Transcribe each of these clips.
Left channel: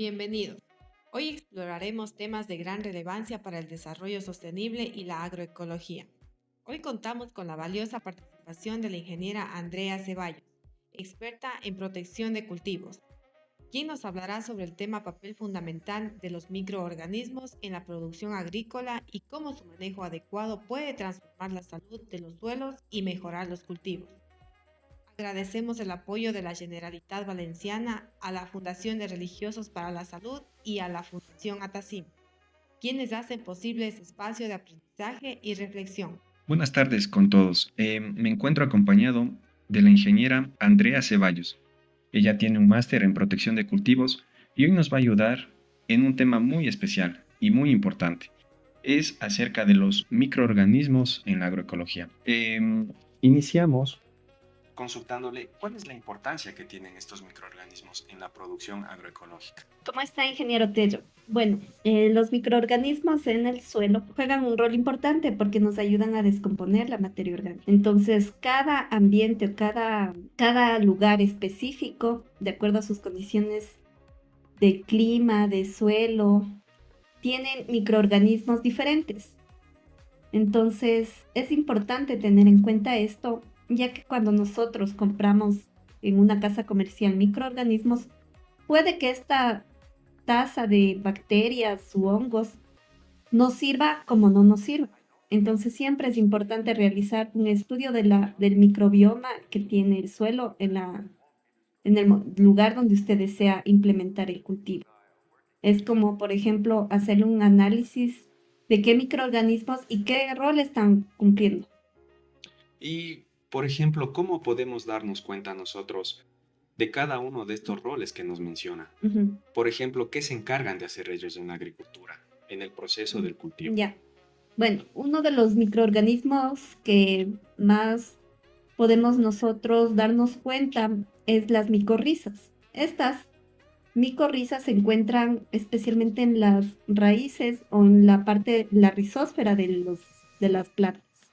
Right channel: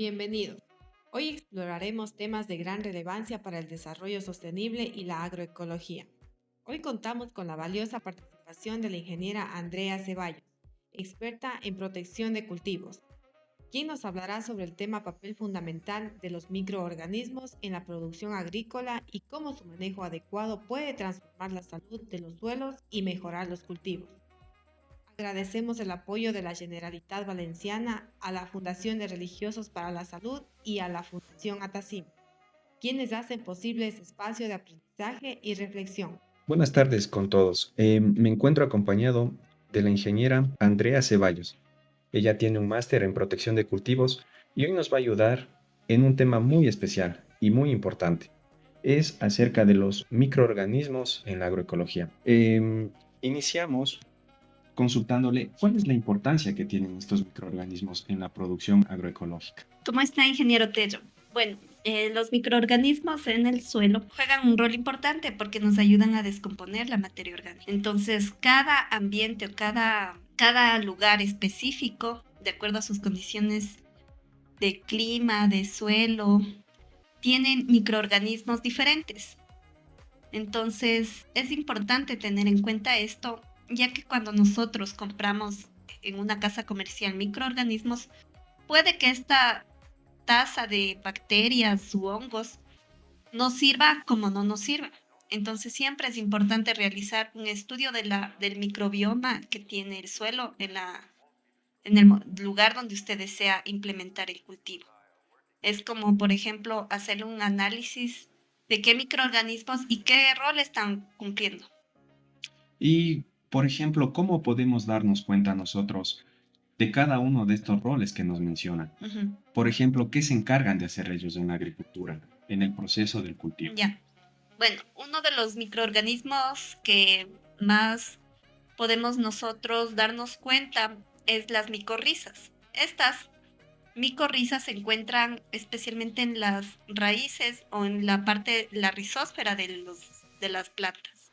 Bienvenidos. Hoy exploraremos temas de gran relevancia para el desarrollo sostenible y la agroecología. Hoy contamos con la valiosa participación de la ingeniera Andrea Ceballos, experta en protección de cultivos, quien nos hablará sobre el tema papel fundamental de los microorganismos en la producción agrícola y cómo su manejo adecuado puede transformar la salud de los suelos y mejorar los cultivos. Agradecemos el apoyo de la Generalitat Valenciana a la Fundación de Religiosos para la Salud y a la Fundación Atacim, quienes hacen posible este espacio de aprendizaje y reflexión. Buenas tardes con todos. Me encuentro acompañado de la ingeniera Andrea Ceballos. Ella tiene un máster en protección de cultivos y hoy nos va a ayudar en un tema muy especial y muy importante. Es acerca de los microorganismos en la agroecología. Iniciamos consultándole cuál es la importancia que tienen estos microorganismos en la producción agroecológica. ¿Cómo está, ingeniero Tello? Bueno, los microorganismos en el suelo juegan un rol importante porque nos ayudan a descomponer la materia orgánica. Entonces, cada ambiente o cada lugar específico, de acuerdo a sus condiciones de clima, de suelo, tienen microorganismos diferentes. Entonces, es importante tener en cuenta esto, ya que cuando nosotros compramos en una casa comercial microorganismos, puede que esta tasa de bacterias u hongos nos sirva como no nos sirva. Entonces siempre es importante realizar un estudio del microbioma que tiene el suelo en el lugar donde usted desea implementar el cultivo. Es como, por ejemplo, hacer un análisis de qué microorganismos y qué rol están cumpliendo. Y, por ejemplo, ¿cómo podemos darnos cuenta nosotros de cada uno de estos roles que nos menciona? Ujú. Por ejemplo, ¿qué se encargan de hacer ellos en la agricultura, en el proceso del cultivo? Ya. Bueno, uno de los microorganismos que más podemos nosotros darnos cuenta es las micorrizas. Estas micorrizas se encuentran especialmente en las raíces o en la parte, la rizósfera de las plantas.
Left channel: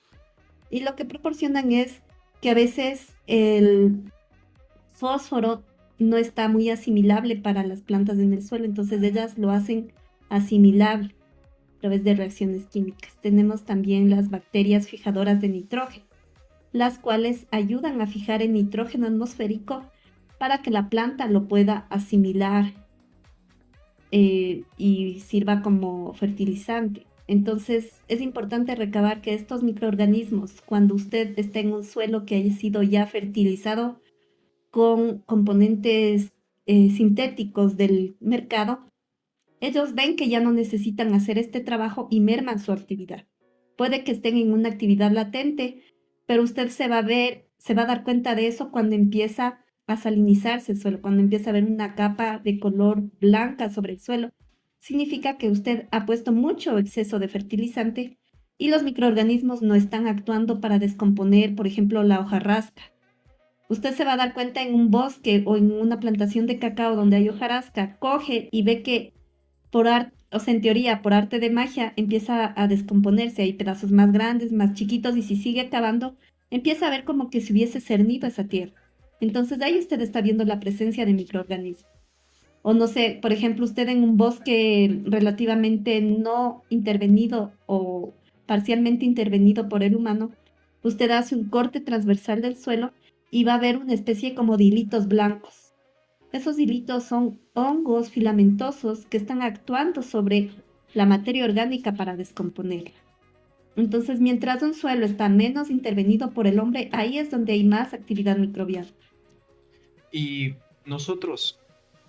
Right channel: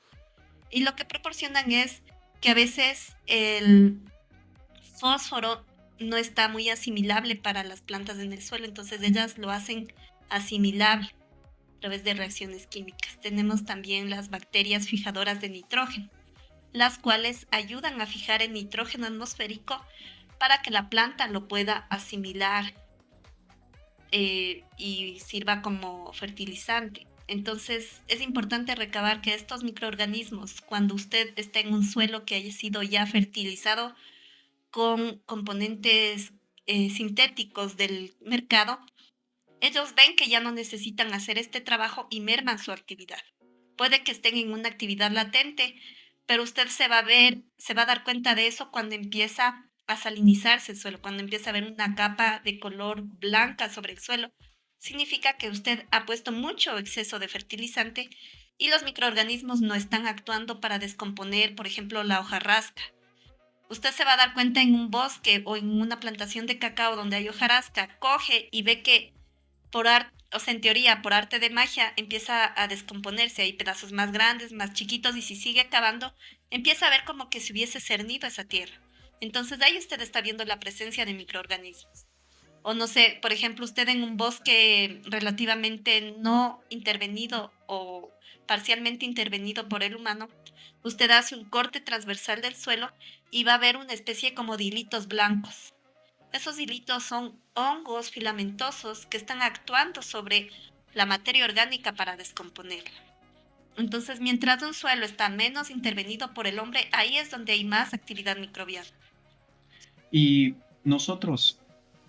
Y lo que proporcionan es que a veces el fósforo no está muy asimilable para las plantas en el suelo, entonces ellas lo hacen asimilable a través de reacciones químicas. Tenemos también las bacterias fijadoras de nitrógeno, las cuales ayudan a fijar el nitrógeno atmosférico para que la planta lo pueda asimilar y sirva como fertilizante. Entonces es importante recabar que estos microorganismos, cuando usted está en un suelo que haya sido ya fertilizado con componentes sintéticos del mercado, ellos ven que ya no necesitan hacer este trabajo y merman su actividad. Puede que estén en una actividad latente, pero usted se va a dar cuenta de eso cuando empieza a salinizarse el suelo, cuando empieza a ver una capa de color blanca sobre el suelo. Significa que usted ha puesto mucho exceso de fertilizante y los microorganismos no están actuando para descomponer, por ejemplo, la hojarasca. Usted se va a dar cuenta en un bosque o en una plantación de cacao donde hay hojarasca, coge y ve que o sea, en teoría, por arte de magia, empieza a descomponerse. Hay pedazos más grandes, más chiquitos, y si sigue cavando, empieza a ver como que se hubiese cernido esa tierra. Entonces, ahí usted está viendo la presencia de microorganismos. O no sé, por ejemplo, usted en un bosque relativamente no intervenido o parcialmente intervenido por el humano, usted hace un corte transversal del suelo y va a ver una especie como de hilitos blancos. Esos hilitos son hongos filamentosos que están actuando sobre la materia orgánica para descomponerla. Entonces, mientras un suelo está menos intervenido por el hombre, ahí es donde hay más actividad microbiana. Y nosotros,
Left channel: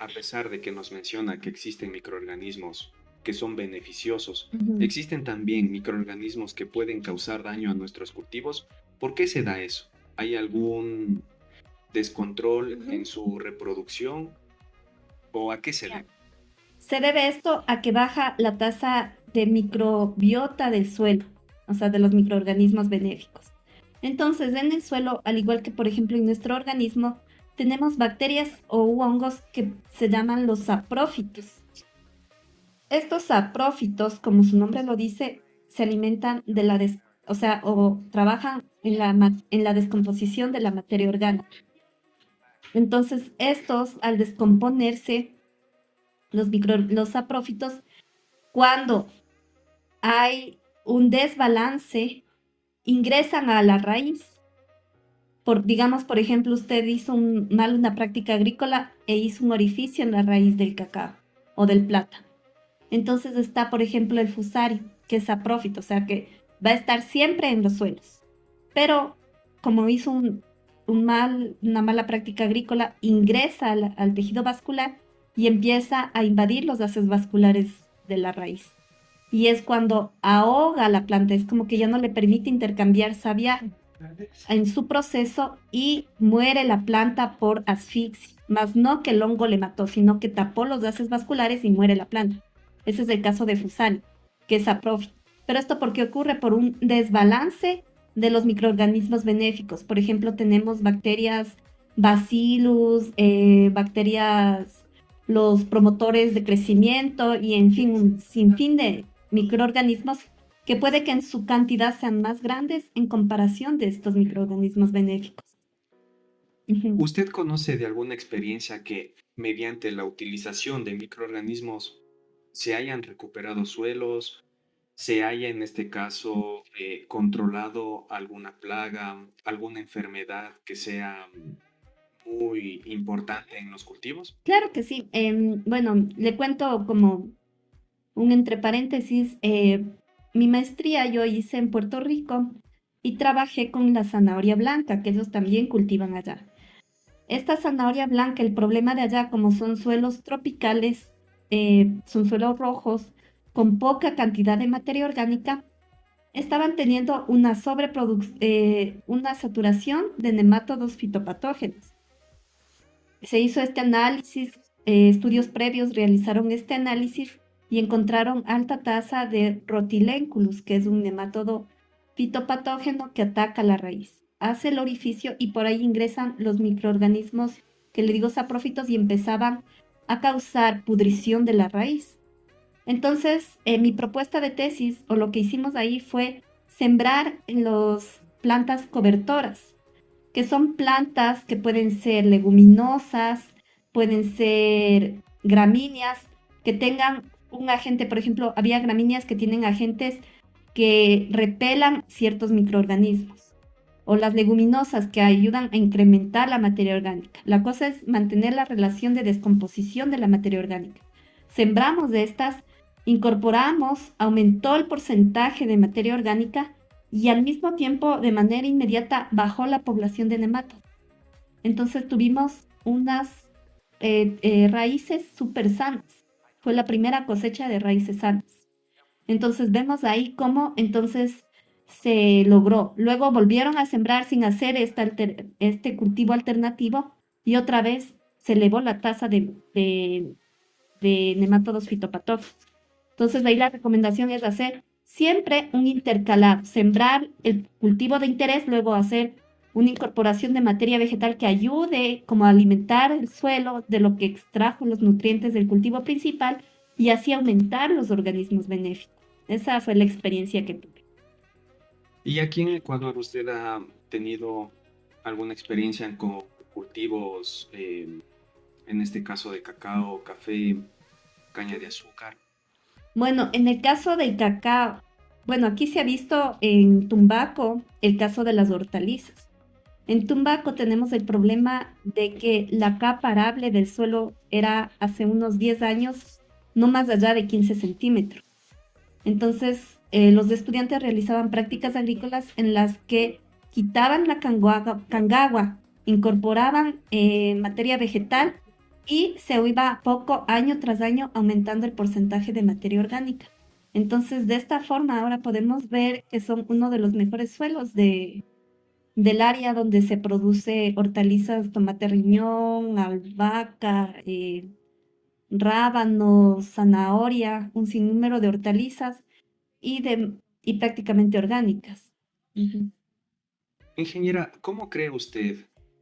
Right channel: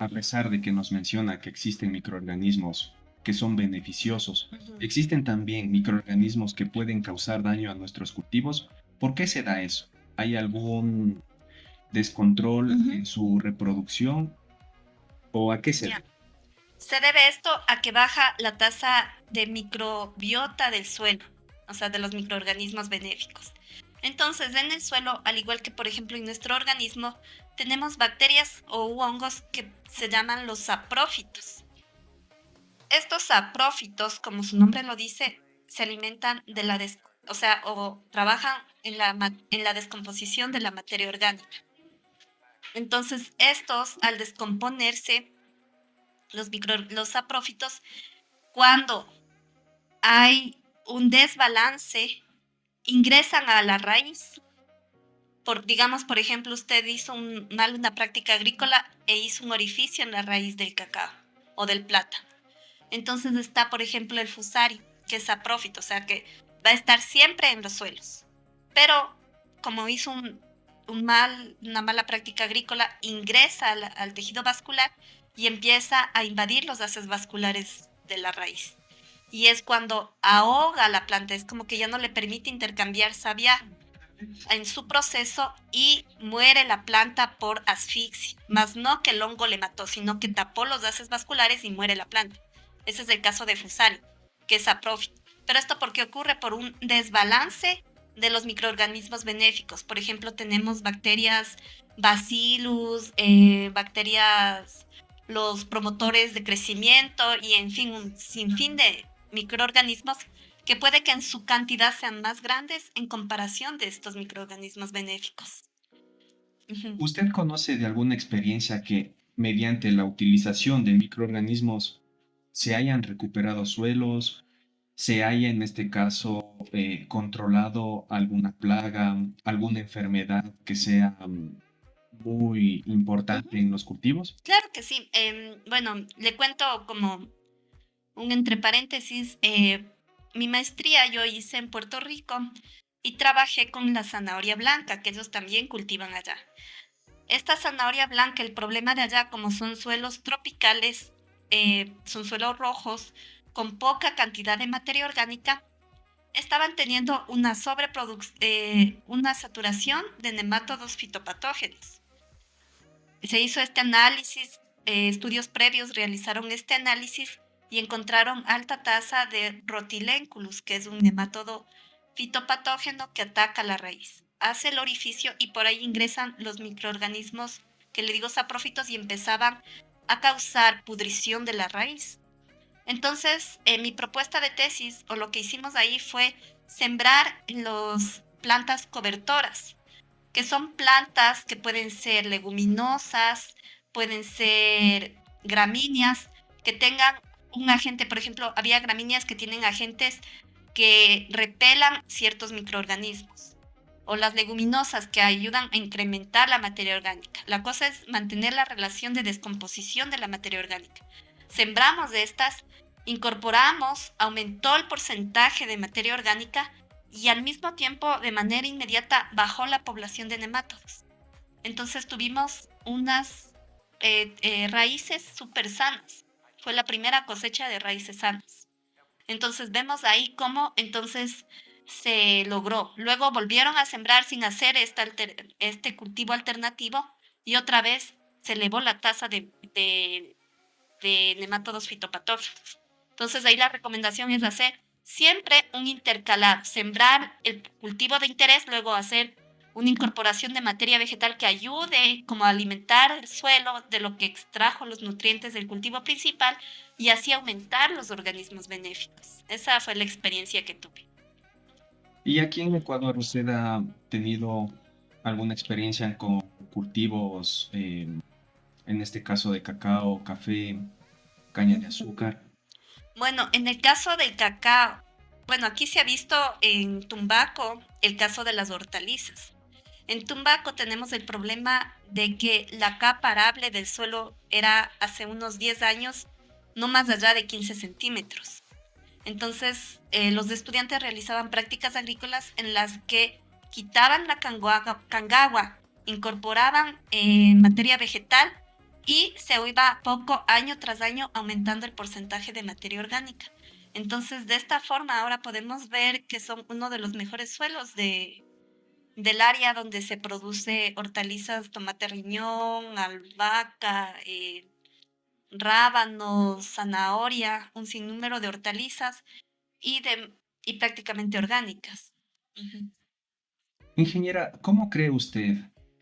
a pesar de que nos menciona que existen microorganismos que son beneficiosos, Ujú. existen también microorganismos que pueden causar daño a nuestros cultivos. ¿Por qué se da eso? ¿Hay algún descontrol en Ujú. su reproducción o a qué se Ya. debe? Se debe esto a que baja la tasa de microbiota del suelo, o sea, de los microorganismos benéficos. Entonces, en el suelo, al igual que por ejemplo en nuestro organismo, tenemos bacterias o hongos que se llaman los saprófitos. Estos saprófitos, como su nombre lo dice, se alimentan de o sea, o trabajan en en la descomposición de la materia orgánica. Entonces, estos, al descomponerse, los saprófitos, cuando hay un desbalance, ingresan a la raíz. Digamos, por ejemplo, usted hizo mal una práctica agrícola e hizo un orificio en la raíz del cacao o del plátano. Entonces está, por ejemplo, el fusari, que es saprófito, o sea que va a estar siempre en los suelos. Pero como hizo una mala práctica agrícola, ingresa al tejido vascular y empieza a invadir los haces vasculares de la raíz. Y es cuando ahoga la planta, es como que ya no le permite intercambiar savia en su proceso y muere la planta por asfixia, más no que el hongo le mató, sino que tapó los haces vasculares y muere la planta. Ese es el caso de Fusari, que es saprófito. Pero esto porque ocurre por un desbalance de los microorganismos benéficos. Por ejemplo, tenemos bacterias Bacillus, bacterias, los promotores de crecimiento y en fin, un sinfín de microorganismos que puede que en su cantidad sean más grandes en comparación de estos microorganismos benéficos. Ujú. ¿Usted conoce de alguna experiencia que mediante la utilización de microorganismos se hayan recuperado suelos, se haya en este caso controlado alguna plaga, alguna enfermedad que sea muy importante en los cultivos? Claro que sí. Bueno, le cuento como un entre paréntesis. Mi maestría yo hice en Puerto Rico y trabajé con la zanahoria blanca, que ellos también cultivan allá. Esta zanahoria blanca, el problema de allá, como son suelos tropicales, son suelos rojos, con poca cantidad de materia orgánica, estaban teniendo una saturación de nemátodos fitopatógenos. Se hizo este análisis, estudios previos realizaron este análisis y encontraron alta tasa de Rotilenculus, que es un nemátodo fitopatógeno que ataca la raíz. Hace el orificio y por ahí ingresan los microorganismos que le digo saprófitos y empezaban a causar pudrición de la raíz. Entonces, mi propuesta de tesis o lo que hicimos ahí fue sembrar las plantas cobertoras, que son plantas que pueden ser leguminosas, pueden ser gramíneas, que tengan un agente, por ejemplo, había gramíneas que tienen agentes que repelan ciertos microorganismos, o las leguminosas que ayudan a incrementar la materia orgánica. La cosa es mantener la relación de descomposición de la materia orgánica. Sembramos de estas, incorporamos, aumentó el porcentaje de materia orgánica y al mismo tiempo, de manera inmediata, bajó la población de nemátodos. Entonces tuvimos unas raíces súper sanas. Fue la primera cosecha de raíces sanas. Entonces vemos ahí cómo entonces se logró. Luego volvieron a sembrar sin hacer este cultivo alternativo y otra vez se elevó la tasa de nemátodos fitopatógenos. Entonces ahí la recomendación es hacer siempre un intercalar, sembrar el cultivo de interés, luego hacer una incorporación de materia vegetal que ayude como a alimentar el suelo de lo que extrajo los nutrientes del cultivo principal y así aumentar los organismos benéficos. Esa fue la experiencia que tuve. ¿Y aquí en Ecuador usted ha tenido alguna experiencia con cultivos, en este caso de cacao, café, caña de azúcar? Bueno, en el caso del cacao, bueno, aquí se ha visto en Tumbaco el caso de las hortalizas. En Tumbaco tenemos el problema de que la capa arable del suelo era hace unos 10 años no más allá de 15 centímetros. Entonces, los estudiantes realizaban prácticas agrícolas en las que quitaban la cangagua, incorporaban materia vegetal y se iba poco, año tras año, aumentando el porcentaje de materia orgánica. Entonces, de esta forma, ahora podemos ver que son uno de los mejores suelos del área donde se produce hortalizas, tomate riñón, albahaca, rábanos, zanahoria, un sinnúmero de hortalizas y prácticamente orgánicas. Ujú, Ingeniera, ¿cómo cree usted,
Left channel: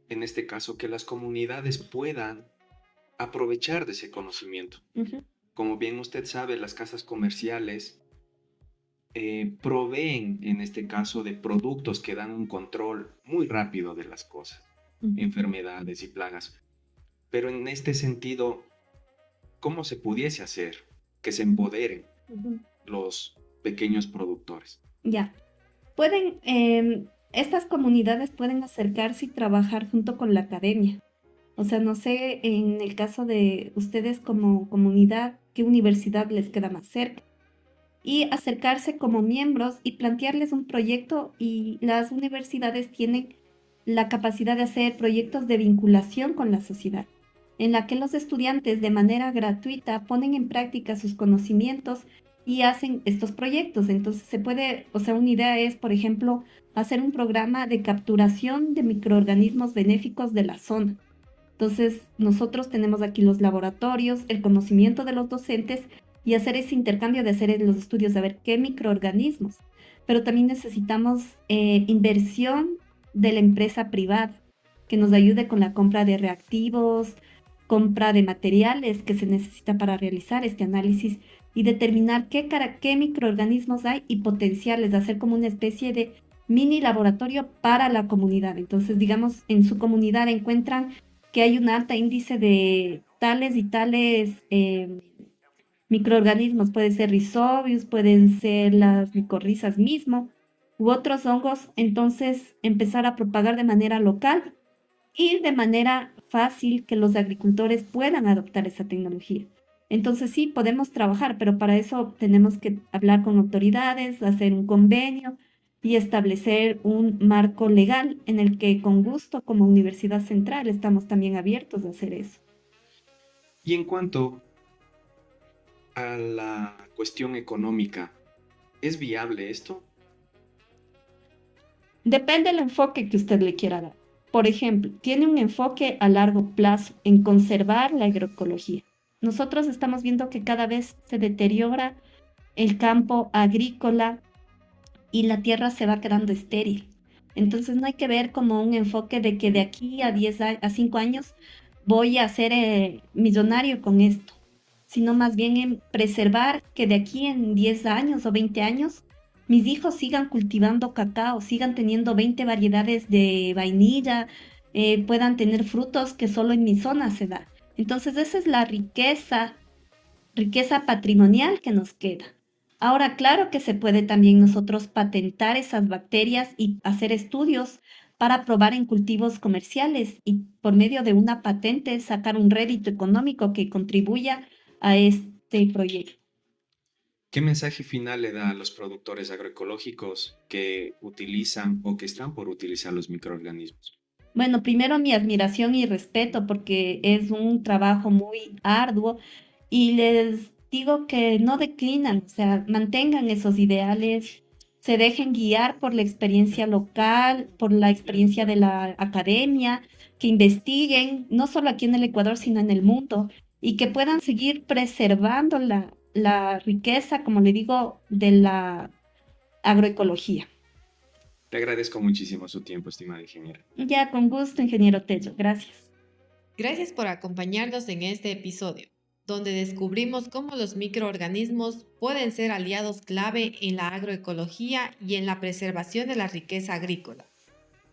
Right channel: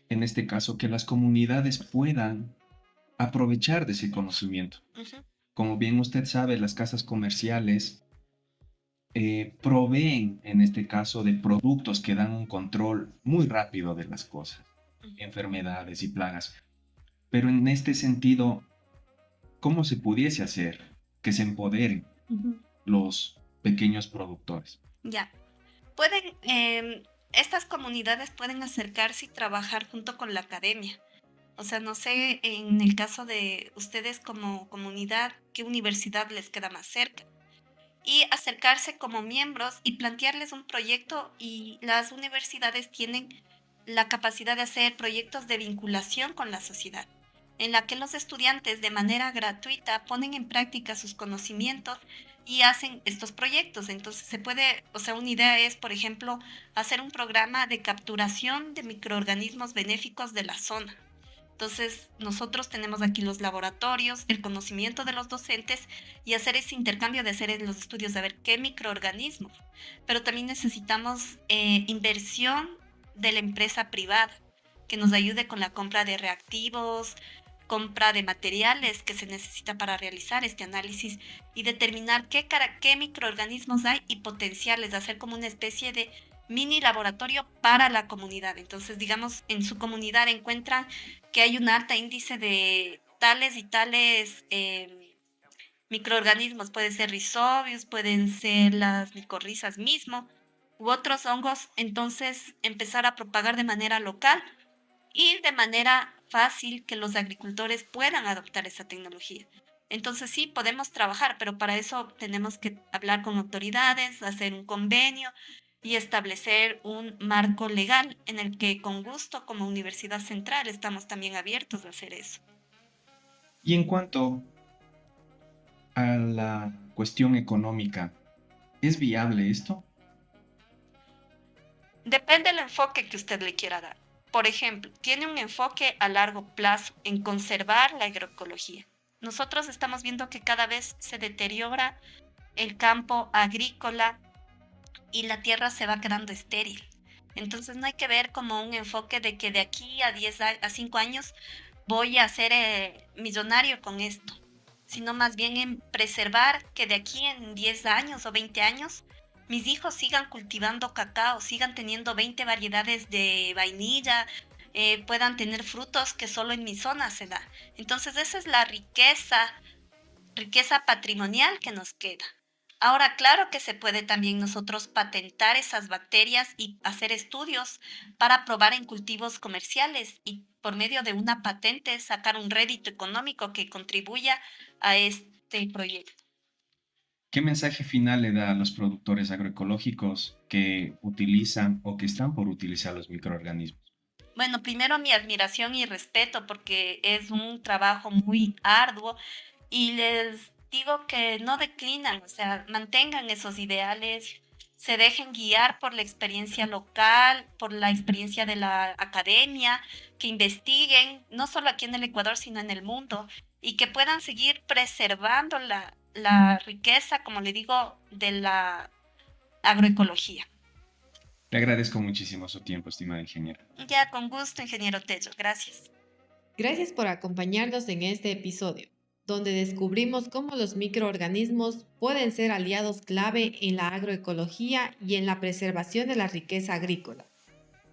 en este caso, que las comunidades puedan aprovechar de ese conocimiento? ujú, Como bien usted sabe, las casas comerciales proveen, en este caso, de productos que dan un control muy rápido de las cosas, ujú. enfermedades y plagas. Pero en este sentido, cómo se pudiese hacer que se empoderen Ujú. los pequeños productores. Ya. Estas comunidades pueden acercarse y trabajar junto con la academia. O sea, no sé, en el caso de ustedes como comunidad, ¿qué universidad les queda más cerca? Y acercarse como miembros y plantearles un proyecto, y las universidades tienen la capacidad de hacer proyectos de vinculación con la sociedad, en la que los estudiantes de manera gratuita ponen en práctica sus conocimientos y hacen estos proyectos. Entonces se puede, o sea, una idea es, por ejemplo, hacer un programa de capturación de microorganismos benéficos de la zona. Entonces, nosotros tenemos aquí los laboratorios, el conocimiento de los docentes y hacer ese intercambio de hacer los estudios, de ver qué microorganismos. Pero también necesitamos inversión de la empresa privada que nos ayude con la compra de reactivos, compra de materiales que se necesita para realizar este análisis y determinar qué microorganismos hay y potenciarles, hacer como una especie de mini laboratorio para la comunidad. Entonces, digamos, en su comunidad encuentran que hay un alto índice de tales y tales microorganismos. Pueden ser rhizobius, pueden ser las micorrizas mismo, u otros hongos. Entonces, empezar a propagar de manera local y de manera fácil que los agricultores puedan adoptar esa tecnología. Entonces sí, podemos trabajar, pero para eso tenemos que hablar con autoridades, hacer un convenio y establecer un marco legal en el que con gusto como Universidad Central estamos también abiertos a hacer eso. Y en cuanto a la cuestión económica, ¿es viable esto? Depende del enfoque que usted le quiera dar. Por ejemplo, tiene un enfoque a largo plazo en conservar la agroecología. Nosotros estamos viendo que cada vez se deteriora el campo agrícola y la tierra se va quedando estéril. Entonces no hay que ver como un enfoque de que de aquí a 5 años voy a ser millonario con esto, sino más bien en preservar que de aquí en 10 años o 20 años mis hijos sigan cultivando cacao, sigan teniendo 20 variedades de vainilla, puedan tener frutos que solo en mi zona se da. Entonces esa es la riqueza patrimonial que nos queda. Ahora, claro que se puede también nosotros patentar esas bacterias y hacer estudios para probar en cultivos comerciales y por medio de una patente sacar un rédito económico que contribuya a este proyecto. ¿Qué mensaje final le da a los productores agroecológicos que utilizan o que están por utilizar los microorganismos? Bueno, primero mi admiración y respeto porque es un trabajo muy arduo y les digo que no declinan, o sea, mantengan esos ideales, se dejen guiar por la experiencia local, por la experiencia de la academia, que investiguen, no solo aquí en el Ecuador, sino en el mundo, y que puedan seguir preservando la riqueza, como le digo, de la agroecología. Le agradezco muchísimo su tiempo, estimada ingeniera. Ya, con gusto, ingeniero Tello. Gracias. Gracias por acompañarnos en este episodio, donde descubrimos cómo los microorganismos pueden ser aliados clave en la agroecología y en la preservación de la riqueza agrícola.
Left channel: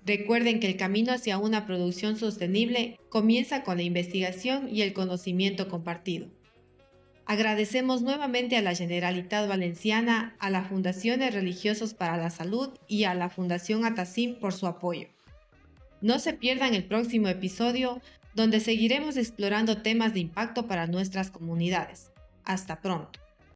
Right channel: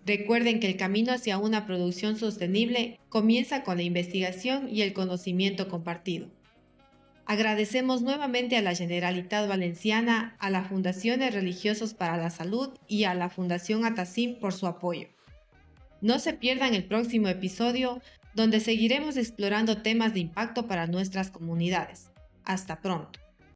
Recuerden que el camino hacia una producción sostenible comienza con la investigación y el conocimiento compartido. Agradecemos nuevamente a la Generalitat Valenciana, a la Fundación de Religiosos para la Salud y a la Fundación Atacim por su apoyo. No se pierdan el próximo episodio, donde seguiremos explorando temas de impacto para nuestras comunidades. Hasta pronto.